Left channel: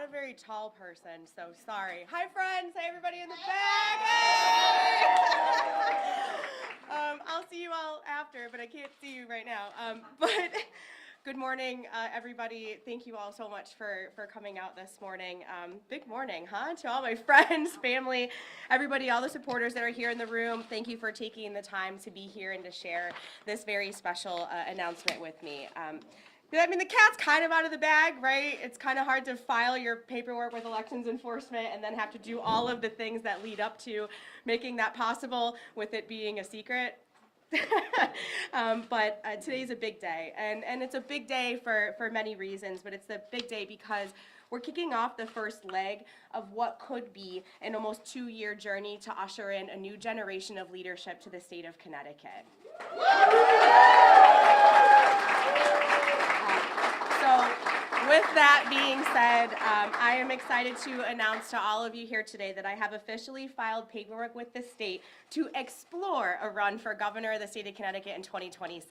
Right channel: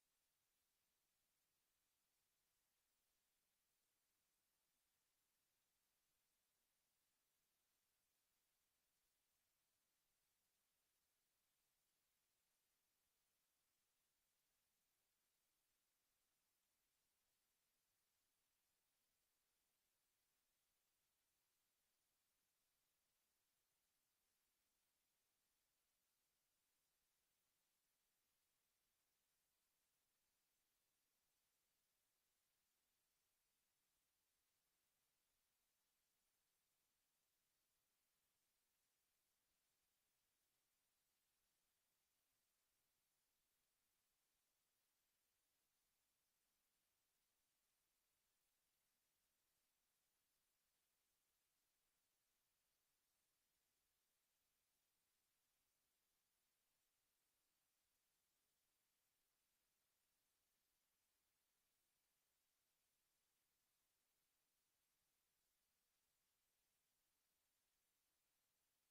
not a very tall person, so sorry. Hi, friends. Hey, everybody in the back. I'll see you all after, but I can't see you right now. But good morning, everybody. Thank you all so much for coming out this morning. Big morning, huh? To all my friends, family, everybody, all the supporters that are here in the room, thank you for taking the time to be here and to share this very special announcement with me. I mean, the cat's kind of out of the bag, right? It's kind of hard to file your paperwork with elections enforcement and then have to do all of the things that lead up to making that possible with it being a secret. But today's a big day, and it's a big day for many reasons, but it's a big day because we're kicking off the first leg of what could be an almost 2-year journey to usher in a new generation of leadership to the state of Connecticut. So with that being said, I am excited to announce to all of you here today that I have officially filed paperwork with the state to explore a run for governor of the state of Connecticut in 2026.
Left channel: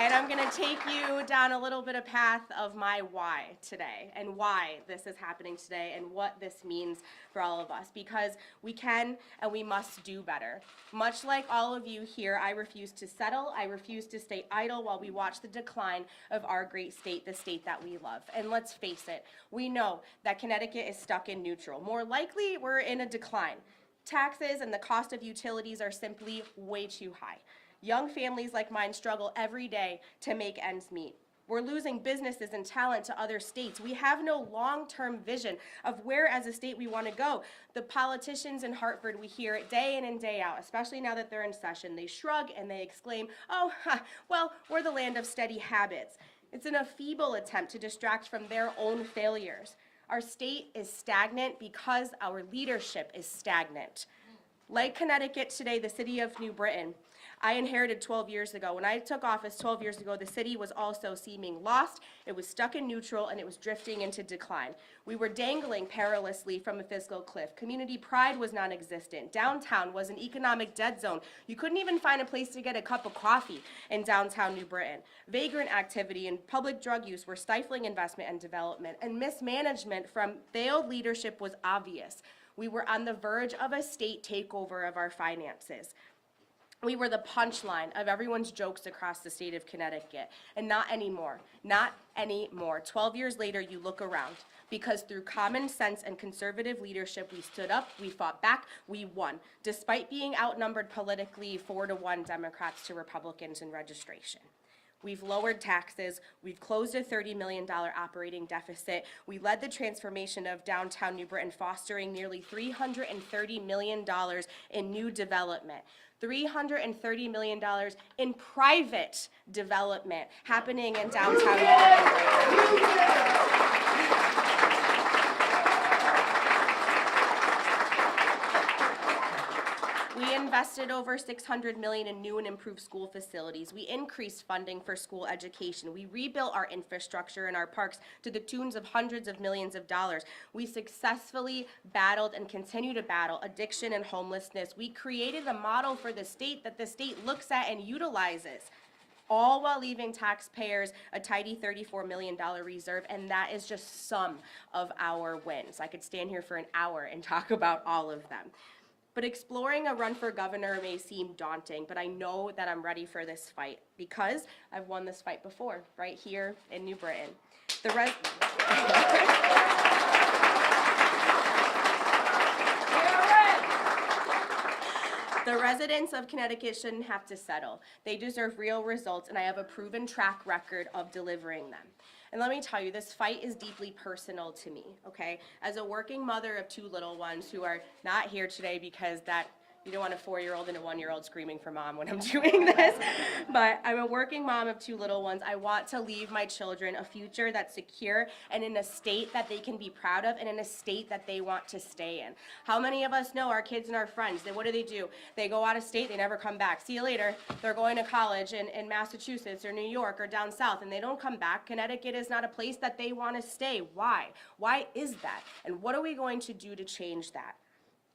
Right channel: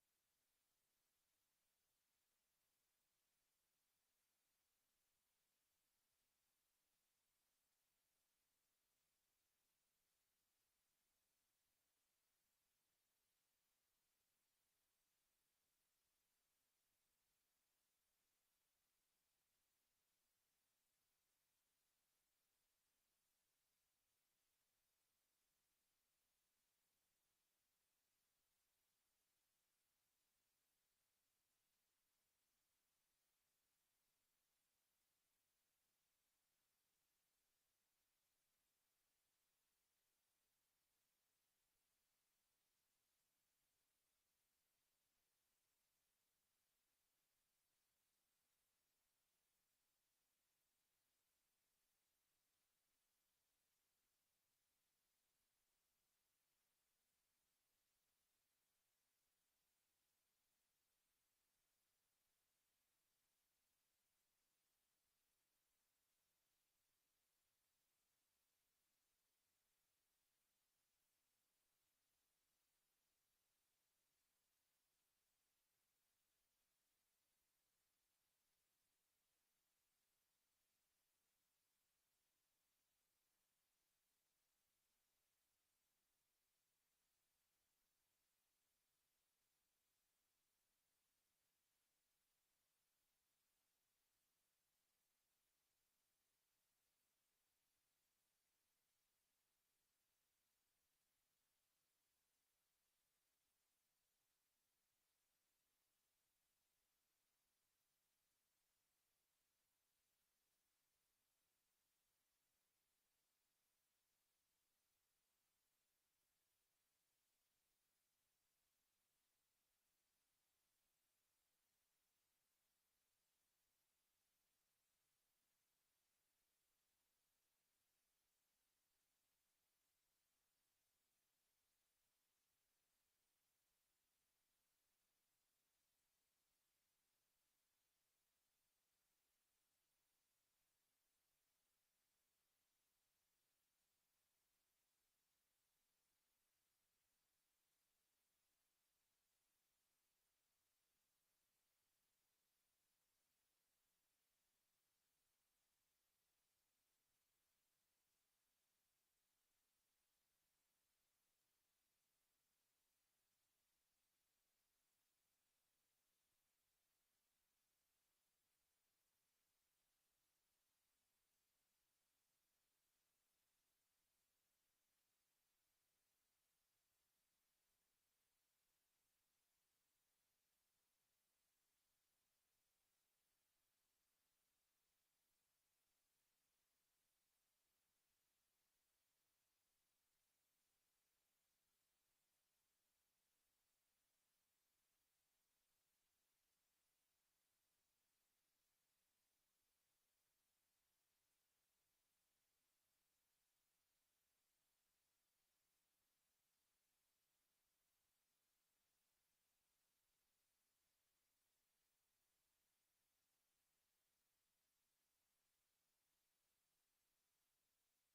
And I'm going to take you down a little bit of path of my why today and why this is happening today and what this means for all of us, because we can and we must do better. Much like all of you here, I refuse to settle. I refuse to stay idle while we watch the decline of our great state, the state that we love. And let's face it, we know that Connecticut is stuck in neutral. More likely, we're in a decline. Taxes and the cost of utilities are simply way too high. Young families like mine struggle every day to make ends meet. We're losing businesses and talent to other states. We have no long-term vision of where as a state we want to go. The politicians in Hartford, we hear it day in and day out, especially now that they're in session. They shrug and they exclaim, oh, well, we're the land of steady habits. It's in a feeble attempt to distract from their own failures. Our state is stagnant because our leadership is stagnant. Like Connecticut today, the city of New Britain, I inherited 12 years ago. When I took office 12 years ago, the city was also seeming lost, it was stuck in neutral, and it was drifting into decline. We were dangling perilously from a fiscal cliff. Community pride was non-existent. Downtown was an economic dead zone. You couldn't even find a place to get a cup of coffee in downtown New Britain. Vagrant activity and public drug use were stifling investment and development, and mismanagement from failed leadership was obvious. We were on the verge of a state takeover of our finances. We were the punchline of everyone's jokes across the state of Connecticut, and not anymore, not anymore. 12 years later, you look around, because through common sense and conservative leadership, we stood up, we fought back, we won, despite being outnumbered politically 4-1 Democrats to Republicans in registration. We've lowered taxes, we've closed a $30 million operating deficit, we led the transformation of downtown New Britain, fostering nearly $330 million in new development. $330 million in private development happening in downtown New Britain. We invested over $600 million in new and improved school facilities. We increased funding for school education. We rebuilt our infrastructure and our parks to the tunes of hundreds of millions of dollars. We successfully battled and continue to battle addiction and homelessness. We created a model for the state that the state looks at and utilizes, all while leaving taxpayers a tidy $34 million reserve, and that is just some of our wins. I could stand here for an hour and talk about all of them. But exploring a run for governor may seem daunting, but I know that I'm ready for this fight because I've won this fight before, right here in New Britain. The residents of Connecticut shouldn't have to settle. They deserve real results, and I have a proven track record of delivering them. And let me tell you, this fight is deeply personal to me, okay? As a working mother of 2 little ones who are not here today because you don't want a 4-year-old and a 1-year-old screaming for mom when I'm doing this, but I'm a working mom of 2 little ones. I want to leave my children a future that's secure and in a state that they can be proud of and in a state that they want to stay in. How many of us know our kids and our friends? What do? They go out of state, they never come back. See you later. They're going to college in Massachusetts or New York or down south, and they don't come back. Connecticut is not a place that they want to stay. Why? Why is that? And what are we going to do to change that?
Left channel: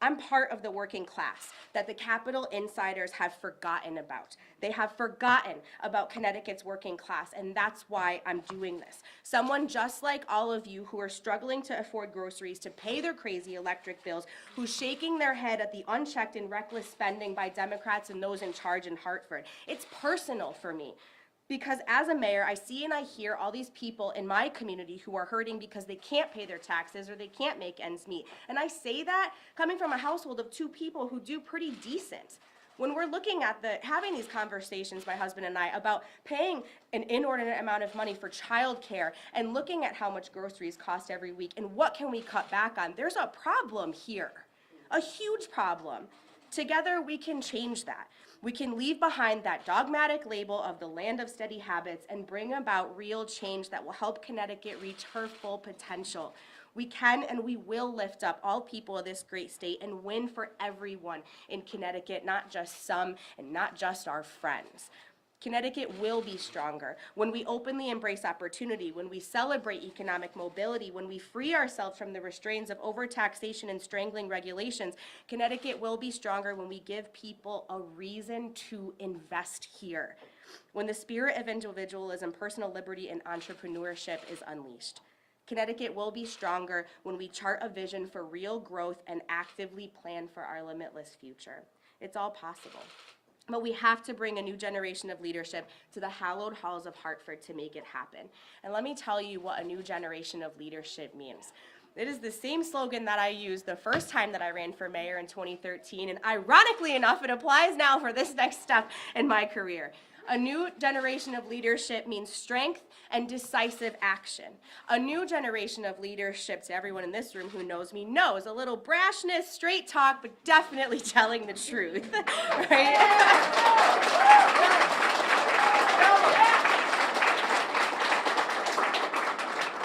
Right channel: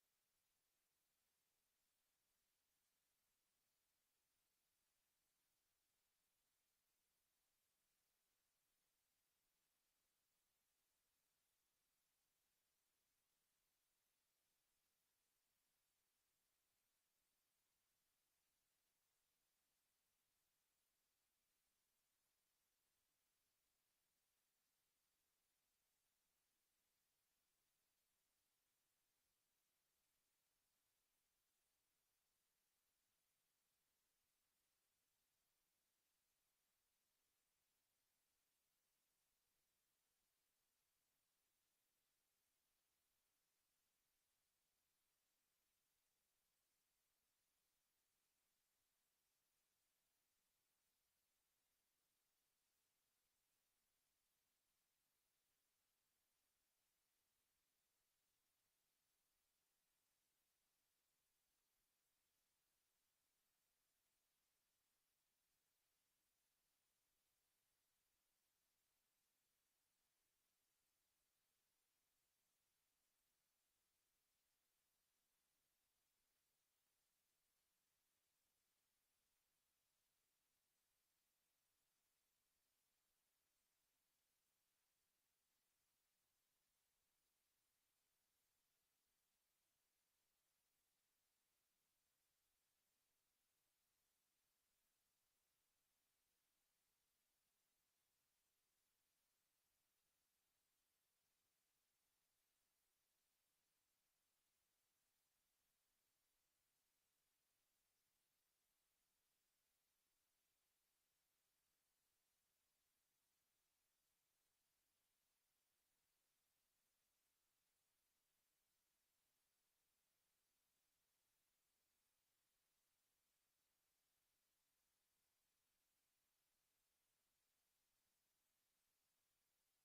I'm part of the working class that the Capitol insiders have forgotten about. They have forgotten about Connecticut's working class, and that's why I'm doing this. Someone just like all of you who are struggling to afford groceries, to pay their crazy electric bills, who's shaking their head at the unchecked and reckless spending by Democrats and those in charge in Hartford. It's personal for me. Because as a mayor, I see and I hear all these people in my community who are hurting because they can't pay their taxes or they can't make ends meet. And I say that coming from a household of 2 people who do pretty decent. When we're looking at having these conversations, my husband and I, about paying an inordinate amount of money for childcare and looking at how much groceries cost every week and what can we cut back on, there's a problem here, a huge problem. Together we can change that. We can leave behind that dogmatic label of the land of steady habits and bring about real change that will help Connecticut reach her full potential. We can and we will lift up all people of this great state and win for everyone in Connecticut, not just some and not just our friends. Connecticut will be stronger when we openly embrace opportunity, when we celebrate economic mobility, when we free ourselves from the restraints of overtaxation and strangling regulations. Connecticut will be stronger when we give people a reason to invest here, when the spirit of individualism, personal liberty, and entrepreneurship is unleashed. Connecticut will be stronger when we chart a vision for real growth and actively plan for our limitless future. It's all possible. But we have to bring a new generation of leadership to the hallowed halls of Hartford to make it happen. And let me tell you what a new generation of leadership means. It is the same slogan that I used the first time that I ran for mayor in 2013, and ironically enough, it applies now for this next step in my career. A new generation of leadership means strength and decisive action. A new generation of leadership, to everyone in this room who knows me, knows a little brashness, straight talk, but definitely telling the truth, right?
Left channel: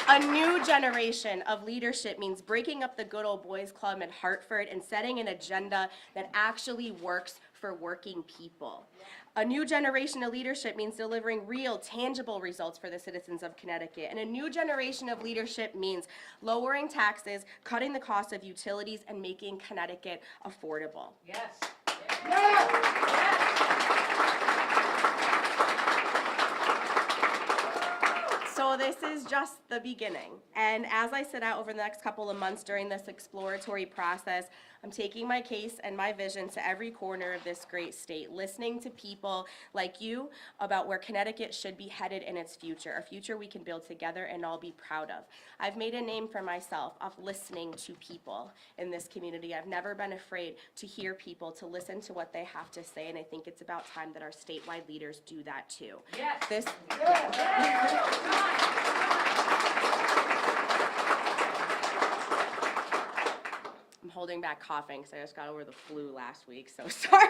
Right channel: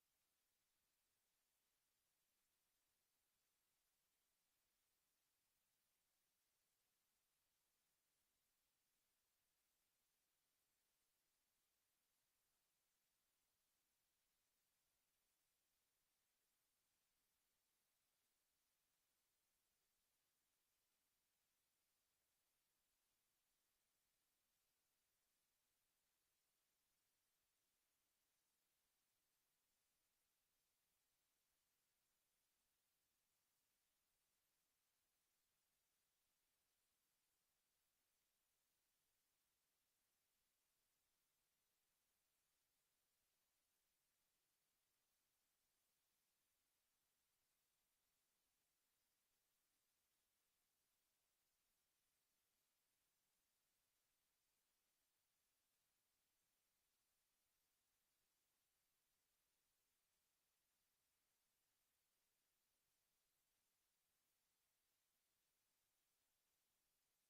A new generation of leadership means breaking up the good old boys club in Hartford and setting an agenda that actually works for working people. A new generation of leadership means delivering real, tangible results for the citizens of Connecticut. And a new generation of leadership means lowering taxes, cutting the cost of utilities, and making Connecticut affordable. Yes. Yes. So this is just the beginning. And as I set out over the next couple of months during this exploratory process, I'm taking my case and my vision to every corner of this great state, listening to people like you about where Connecticut should be headed in its future, a future we can build together and all be proud of. I've made a name for myself of listening to people in this community. I've never been afraid to hear people, to listen to what they have to say, and I think it's about time that our statewide leaders do that too. Yes. I'm holding back coughing because I just got over the flu last week, so sorry.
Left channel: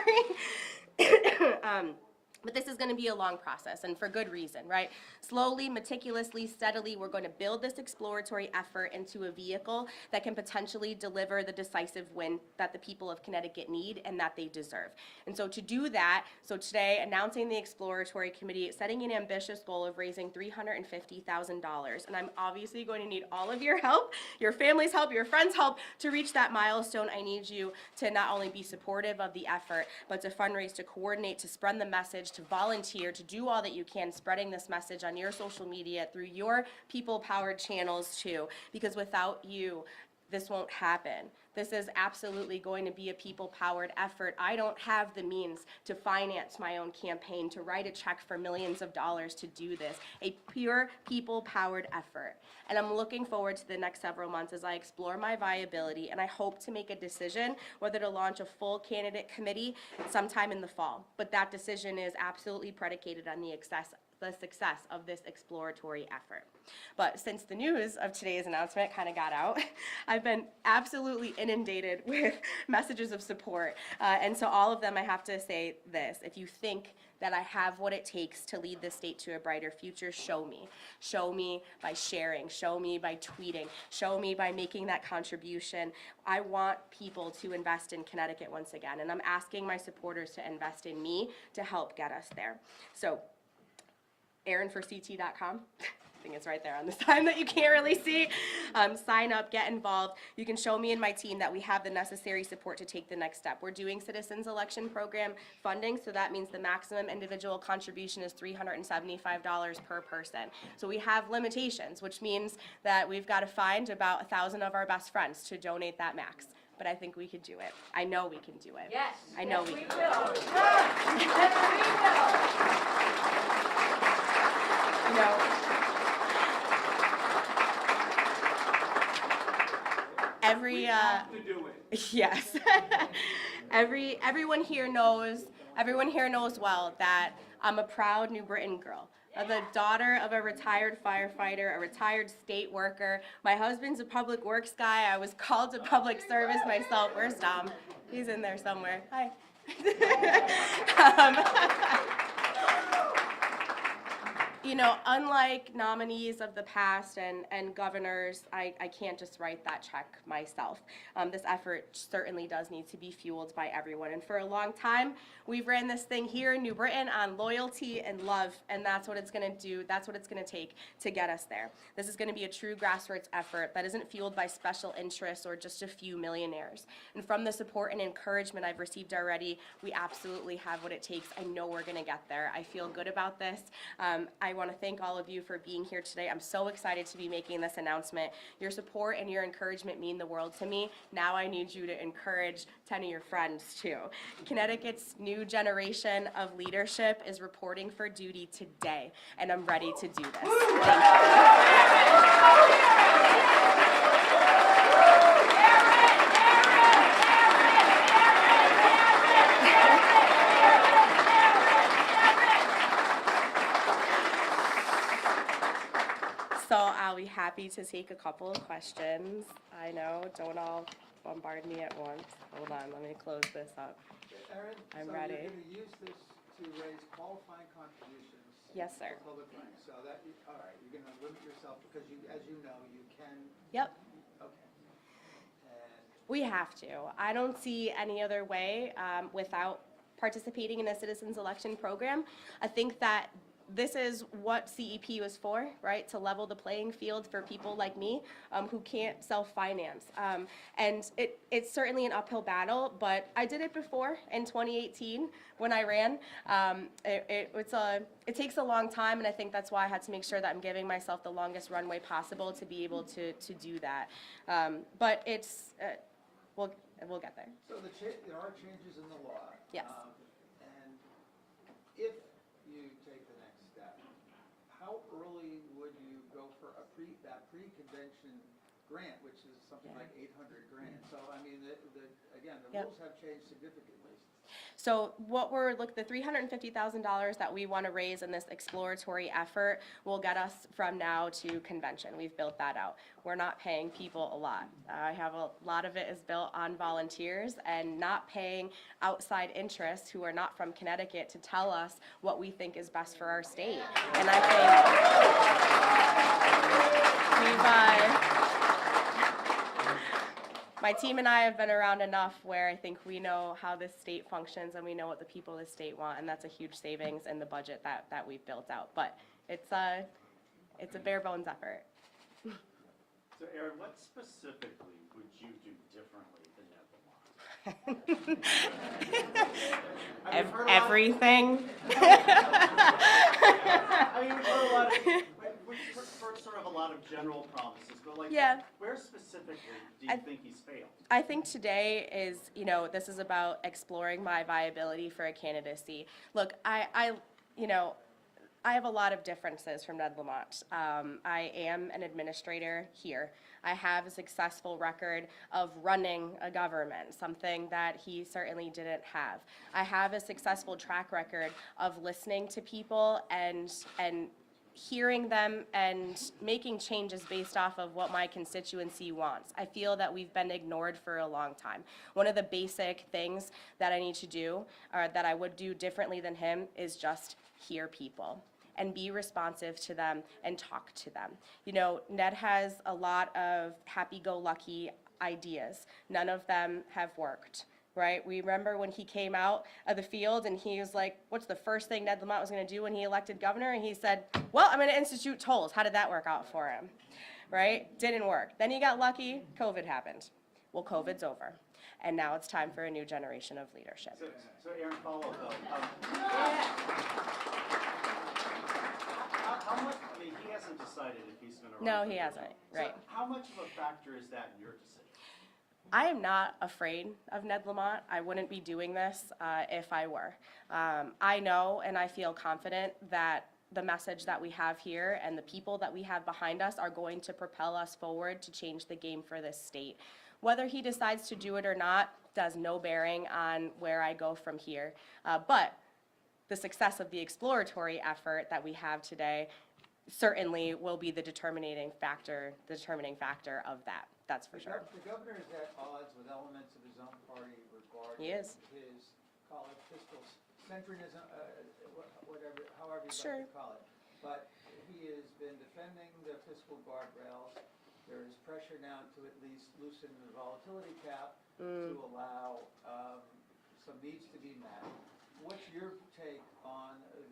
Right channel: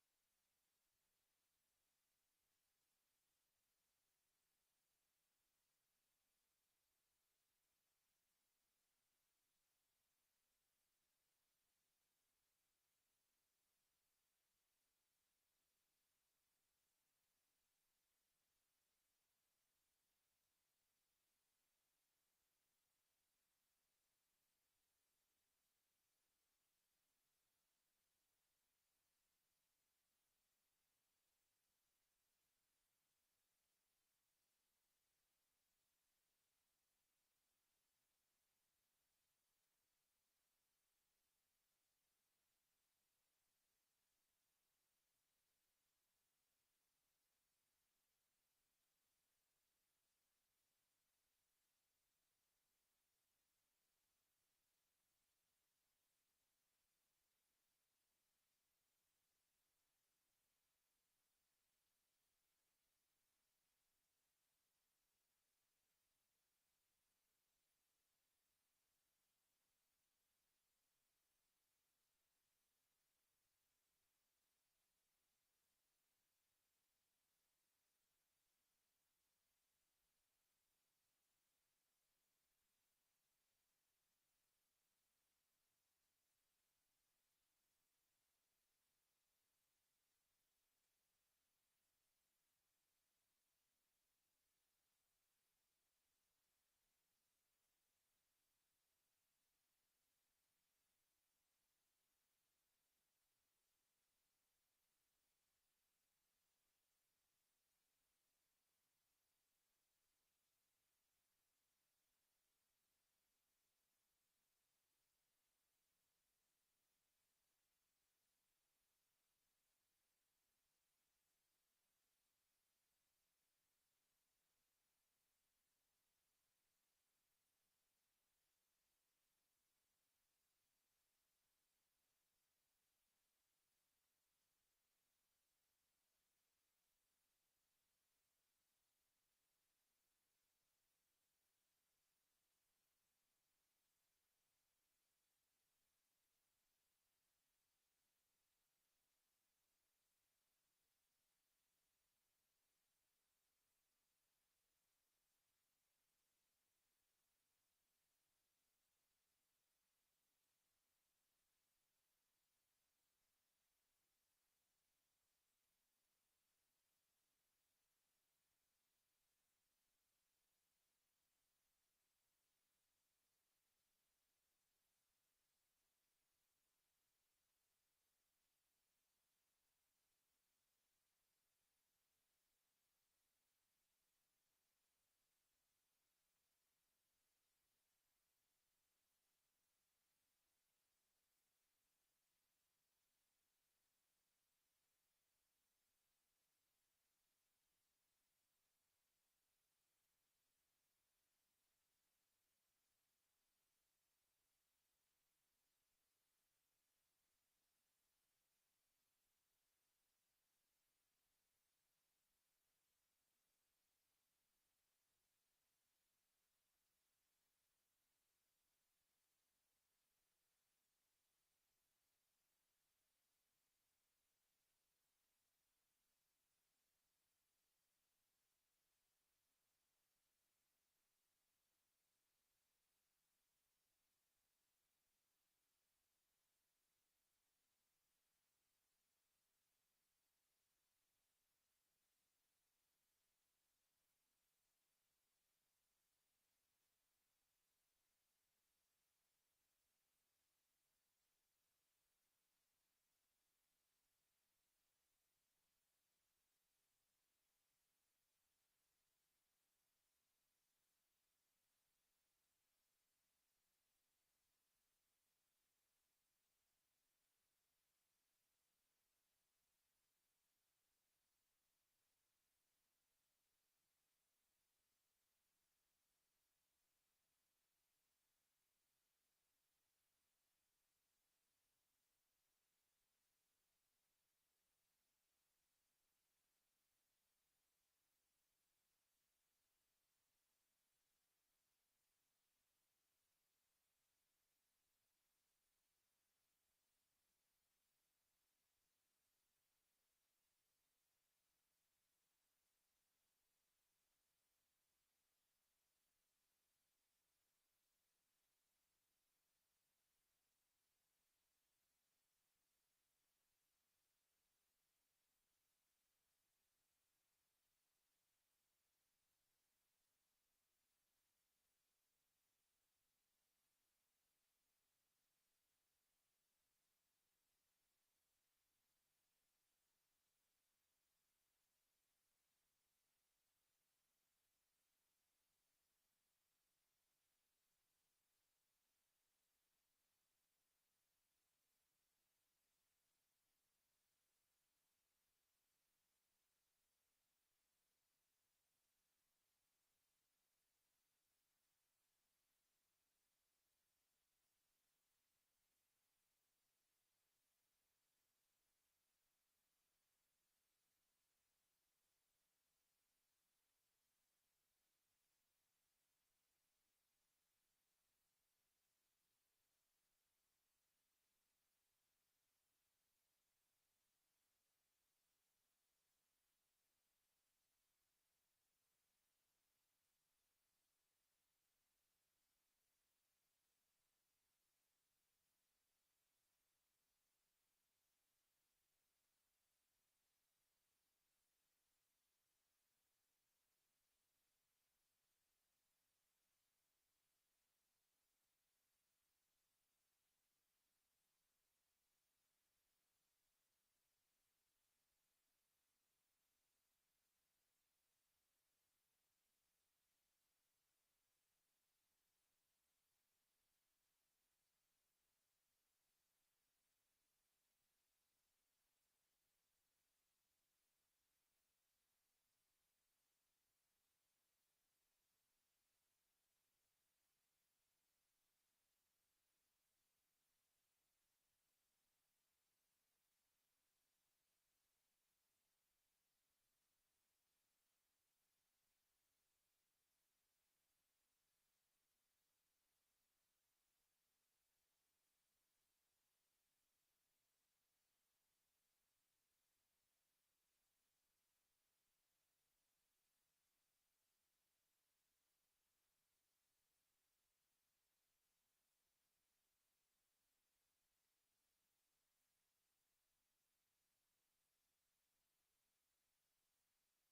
But this is going to be a long process, and for good reason, right? Slowly, meticulously, steadily, we're going to build this exploratory effort into a vehicle that can potentially deliver the decisive win that the people of Connecticut need and that they deserve. And so to do that, so today, announcing the exploratory committee, setting an ambitious goal of raising $350,000, and I'm obviously going to need all of your help, your family's help, your friends' help to reach that milestone. I need you to not only be supportive of the effort, but to fundraise, to coordinate, to spread the message, to volunteer, to do all that you can, spreading this message on your social media, through your people-powered channels too, because without you, this won't happen. This is absolutely going to be a people-powered effort. I don't have the means to finance my own campaign, to write a check for millions of dollars to do this. A pure people-powered effort. And I'm looking forward to the next several months as I explore my viability, and I hope to make a decision whether to launch a full candidate committee sometime in the fall. But that decision is absolutely predicated on the success of this exploratory effort. But since the news of today's announcement kind of got out, I've been absolutely inundated with messages of support. And so all of them, I have to say this: if you think that I have what it takes to lead the state to a brighter future, show me. Show me by sharing, show me by tweeting, show me by making that contribution. I want people to invest in Connecticut once again, and I'm asking my supporters to invest in me to help get us there. So, ErinForCT.com. I think it's right there on the sign that you can't really see. Sign up, get involved. You can show me and my team that we have the necessary support to take the next step. We're doing Citizens Election Program funding, so that means the maximum individual contribution is $375 per person. So we have limitations, which means that we've got to find about 1,000 of our best friends to donate that max. But I think we can do it. I know we can do it. Yes. I know yes, we can. will. Yes, we will. You know, every have to do it. yes, everyone here knows well that I'm a proud New Britain girl. The daughter of a retired firefighter, a retired state worker. My husband's a public works guy. I was called to public service myself. Where's Dom? He's in there somewhere. Hi. You know, unlike nominees of the past and governors, I can't just write that check myself. This effort certainly does need to be fueled by everyone. And for a long time, we've ran this thing here in New Britain on loyalty and love, and that's what it's going to do. That's what it's going to take to get us there. This is going to be a true grassroots effort that isn't fueled by special interests or just a few millionaires. And from the support and encouragement I've received already, we absolutely have what it takes. I know we're going to get there. I feel good about this. I want to thank all of you for being here today. I'm so excited to be making this announcement. Your support and your encouragement mean the world to me. Now I need you to encourage 10 of your friends too. Connecticut's new generation of leadership is reporting for duty today, and I'm ready to do this. So I'll be happy to take a couple of questions. I know, don't all bombard me at once. Hold on, let me close this up. Erin, I'm so ready. you're going to use this to raise qualifying contributions. Yes, sir. For public money. So that, all right, you're going to limit yourself because you, as you know, you can. Yep. Okay. And We have to. I don't see any other way without participating in a citizens election program. I think that this is what CEP was for, right? To level the playing field for people like me who can't self-finance. And it's certainly an uphill battle, but I did it before in 2018 when I ran. It takes a long time, and I think that's why I had to make sure that I'm giving myself the longest runway possible to be able to do that. But it's, we'll get there. so there are changes in the law. Yes. And if you take the next step, how early would you go for that pre-convention grant, which is something like 800 grand? So I mean, again, the Yep. rules have changed significantly. So the $350,000 that we want to raise in this exploratory effort will get us from now to convention. We've built that out. We're not paying people a lot. I have a lot of it is built on volunteers and not paying outside interests who are not from Connecticut to tell us what we think is best for our state. And I think my team and I have been around enough where I think we know how this state functions and we know what the people of the state want, and that's a huge savings in the budget that we've built out. But it's a bare bones effort. So Erin, what specifically would you do differently than Ned Lamont? Everything. I mean, we've heard heard sort of a lot of general promises, but like, Yeah. where specifically do you think he's failed? I think today is, this is about exploring my viability for a candidacy. Look, I have a lot of differences from Ned Lamont. I am an administrator here. I have a successful record of running a government, something that he certainly didn't have. I have a successful track record of listening to people and hearing them and making changes based off of what my constituency wants. I feel that we've been ignored for a long time. One of the basic things that I need to do, or that I would do differently than him, is just hear people and be responsive to them and talk to them. Ned has a lot of happy-go-lucky ideas. None of them have worked, right? We remember when he came out of the field and he was like, what's the first thing Ned Lamont was going to do when he elected governor? And he said, well, I'm going to institute tolls. How did that work out for him, right? Didn't work. Then he got lucky. COVID happened. Well, COVID's over. And now it's time for a new generation of leadership. So Erin, follow up though. How much, I mean, he hasn't decided if he's going to run. No, for he governor. hasn't, right. So how much of a factor is that in your decision? I am not afraid of Ned Lamont. I wouldn't be doing this if I were. I know and I feel confident that the message that we have here and the people that we have behind us are going to propel us forward to change the game for this state. Whether he decides to do it or not does no bearing on where I go from here. But the success of the exploratory effort that we have today certainly will be the determining factor of that. That's for sure. The governor is at odds with elements of his own party regarding He is. his, call it fiscal centrism, whatever, however you'd Sure. like to call it. But he has been defending the fiscal guardrails. There is pressure now to at least loosen the volatility cap to allow some needs to be met. What's your take on the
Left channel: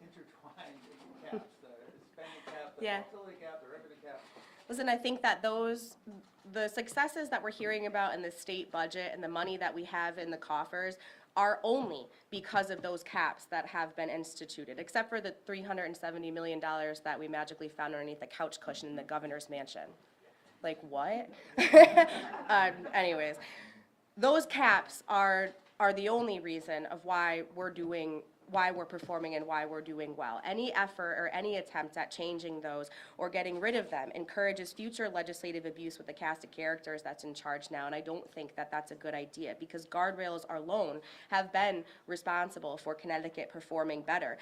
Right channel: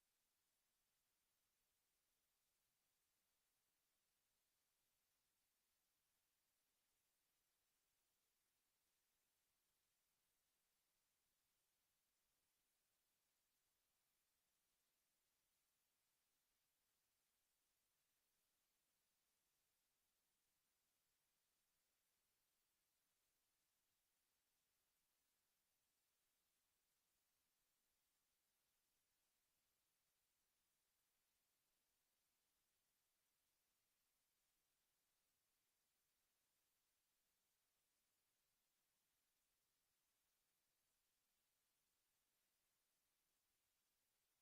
intertwined caps, the spending cap, the Yeah. volatility cap, the revenue cap? Listen, I think that the successes that we're hearing about in the state budget and the money that we have in the coffers are only because of those caps that have been instituted, except for the $370 million that we magically found underneath the couch cushion in the governor's mansion. Like, what? Anyways, those caps are the only reason of why we're performing and why we're doing well. Any effort or any attempt at changing those or getting rid of them encourages future legislative abuse with the cast of characters that's in charge now, and I don't think that that's a good idea because guardrails alone have been responsible for Connecticut performing better.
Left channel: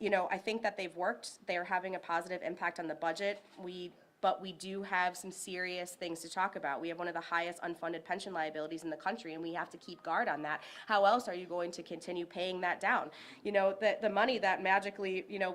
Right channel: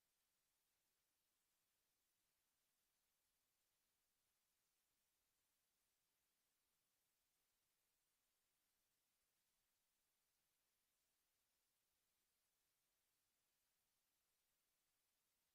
You know, I think that they've worked. They're having a positive impact on the budget. But we do have some serious things to talk about. We have one of the highest unfunded pension liabilities in the country, and we have to keep guard on that. How else are you going to continue paying that down? You know, the money that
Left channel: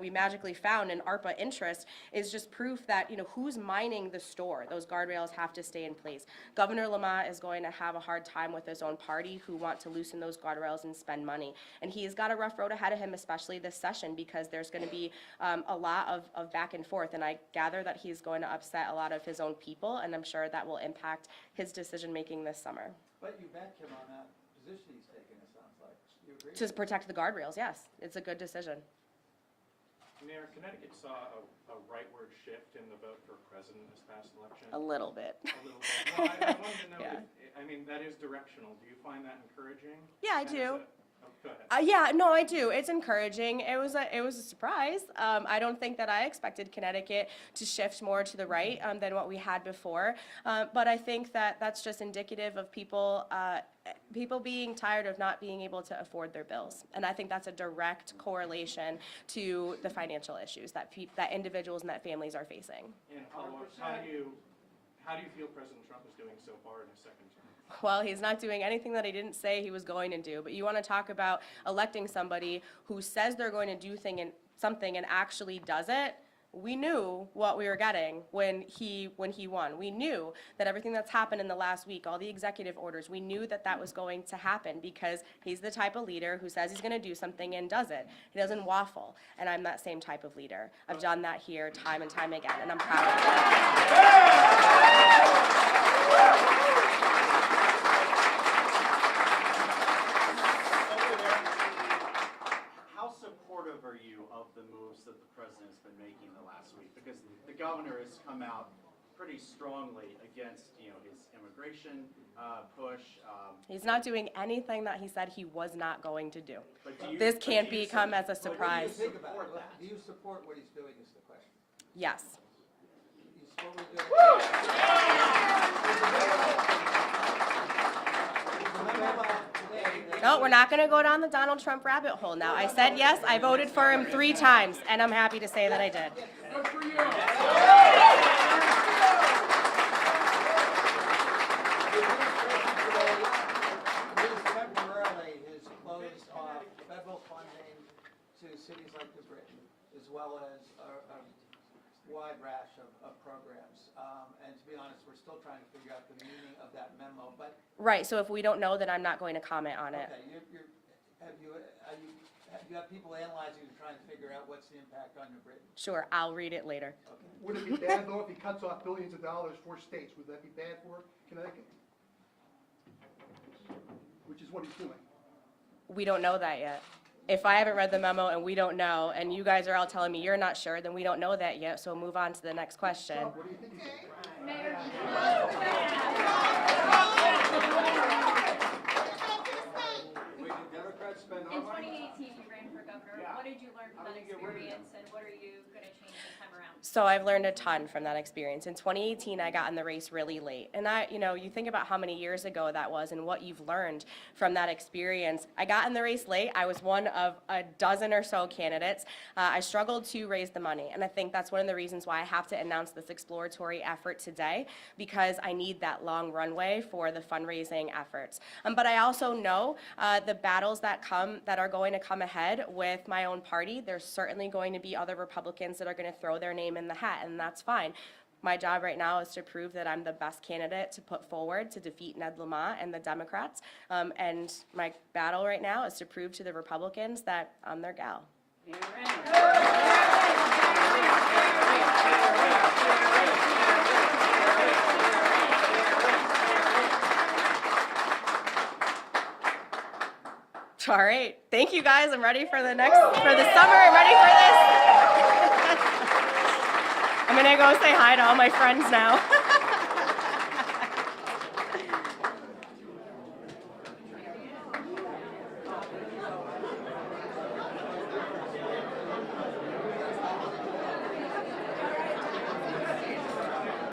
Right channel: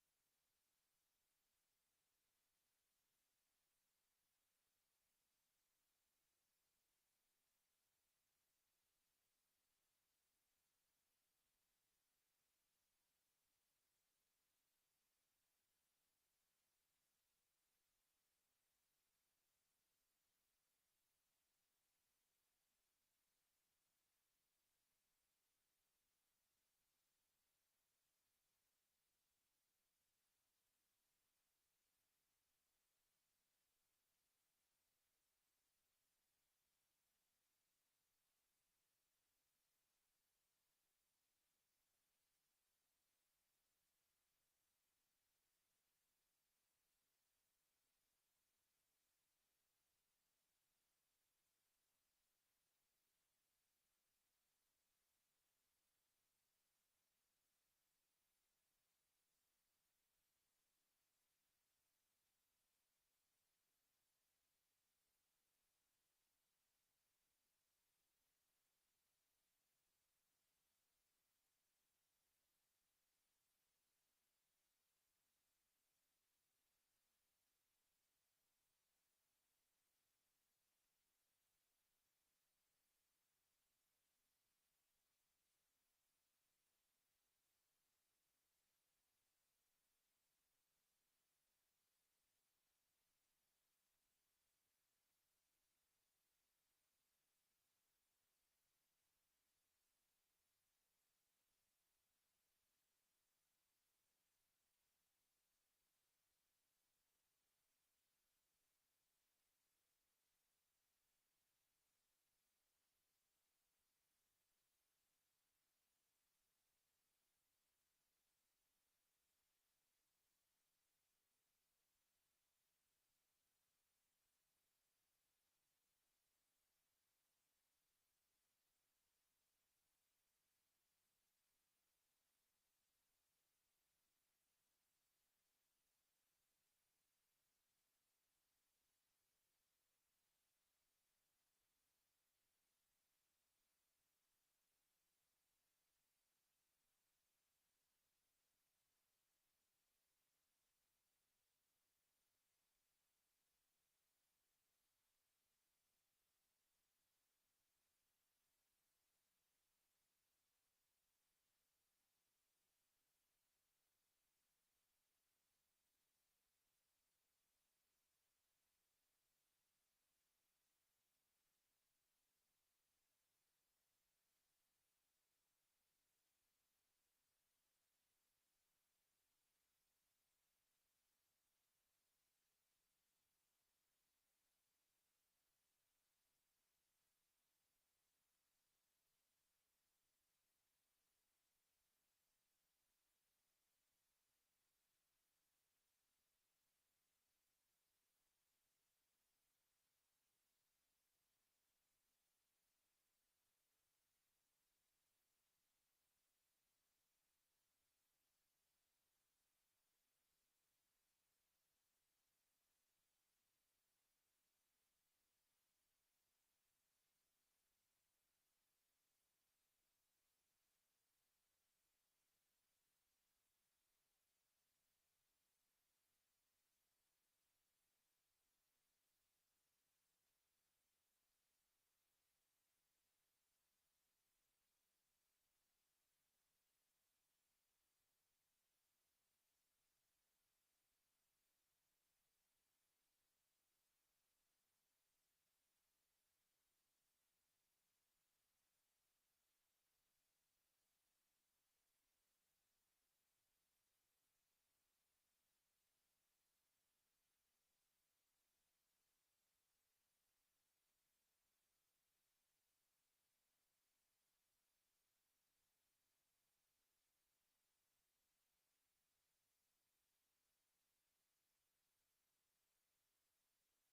we magically found in ARPA interest is just proof that, you know, who's mining the store? Those guardrails have to stay in place. Governor Lamont is going to have a hard time with his own party who want to loosen those guardrails and spend money. And he's got a rough road ahead of him, especially this session, because there's going to be a lot of back and forth. And I gather that he's going to upset a lot of his own people, and I'm sure that will impact his decision-making this summer. But you back him on that position he's taken, it sounds like. You agree? To protect the guardrails, yes. It's a good decision. Mayor, Connecticut saw a rightward shift in the vote for president this past election. A little bit. A little bit. Well, I wanted to know, Yeah. I mean, that is directional. Do you find that encouraging? Yeah, I And do. go ahead. Yeah, no, I do. It's encouraging. It was a surprise. I don't think that I expected Connecticut to shift more to the right than what we had before. But I think that that's just indicative of people being tired of not being able to afford their bills. And I think that's a direct correlation to the financial issues that individuals and that families are facing. And how do you feel President Trump is doing so far in his second term? Well, he's not doing anything that he didn't say he was going to do. But you want to talk about electing somebody who says they're going to do something and actually does it? We knew what we were getting when he won. We knew that everything that's happened in the last week, all the executive orders, we knew that that was going to happen because he's the type of leader who says he's going to do something and does it. He doesn't waffle, and I'm that same type of leader. I've done that here time and time again, and I'm proud of it. How supportive are you of the moves that the president's been making the last week? Because the governor has come out pretty strongly against, you know, his immigration push. He's not doing anything that he said he was not going to do. But do you- This but can't do you become as a What do you surprise. think about support it? that? Do you support what he's doing is the question. Yes. You support what he's doing? No, we're not going to go down the Donald Trump rabbit hole now. I said yes, I voted for him 3 times, and I'm happy to say that I did. Good for you. Temporarily has closed off federal funding to cities like New Britain, as well as a wide rash of programs. And to be honest, we're still trying to figure out the meaning of that memo. But Right, so if we don't know, then I'm not going to comment on it. Okay, you have people analyzing and trying to figure out what's the impact on New Britain? Sure, I'll read it later. Okay. Would it be bad though if he cuts off billions of dollars for states? Would that be bad for Connecticut? Which is what he's doing. We don't know that yet. If I haven't read the memo and we don't know, and you guys are all telling me you're not sure, then we don't know that yet, so move on to the next question. Trump, what do you think he's doing? In 2018, you ran for governor. What did you learn from that experience, and what are you going to change this time around? So I've learned a ton from that experience. In 2018, I got in the race really late. And you think about how many years ago that was and what you've learned from that experience. I got in the race late. I was one of a dozen or so candidates. I struggled to raise the money. And I think that's one of the reasons why I have to announce this exploratory effort today, because I need that long runway for the fundraising efforts. But I also know the battles that are going to come ahead with my own party. There's certainly going to be other Republicans that are going to throw their name in the hat, and that's fine. My job right now is to prove that I'm the best candidate to put forward to defeat Ned Lamont and the Democrats. And my battle right now is to prove to the Republicans that I'm their gal. All right, thank you guys. I'm ready for the summer. I'm ready for this. I'm gonna go say hi to all my friends now.